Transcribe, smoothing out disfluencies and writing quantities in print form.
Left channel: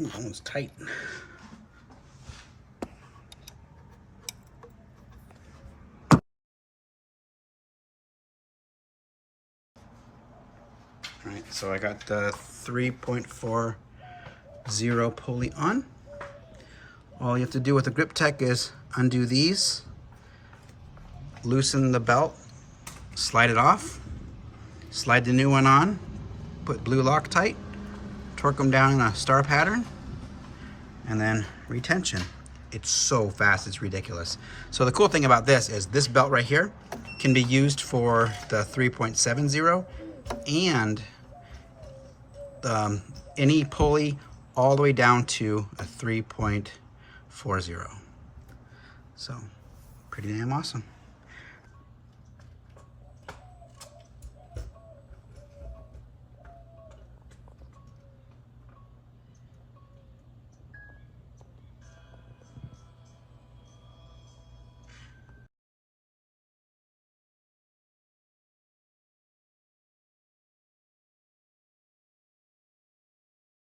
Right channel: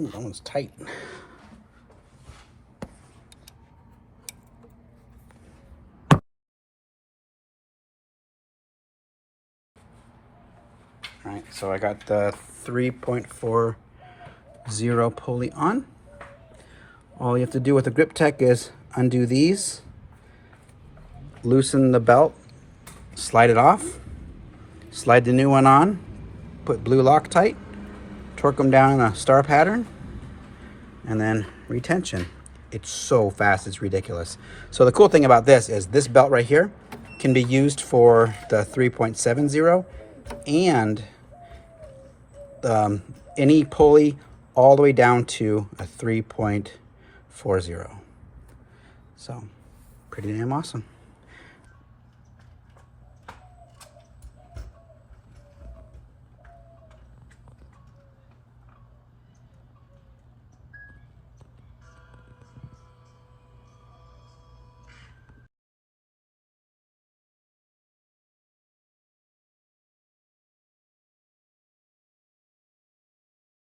Ooh, that one's tight. All right, so I got the 3.40 pulley on. All you have to do with the Griptec is undo these, loosen the belt, slide it off, slide the new one on, put blue Loctite, torque them down in a star pattern, and then retention. It's so fast, it's ridiculous. So the cool thing about this is this belt right here can be used for the 3.70 and any pulley all the way down to a 3.40. So pretty damn awesome.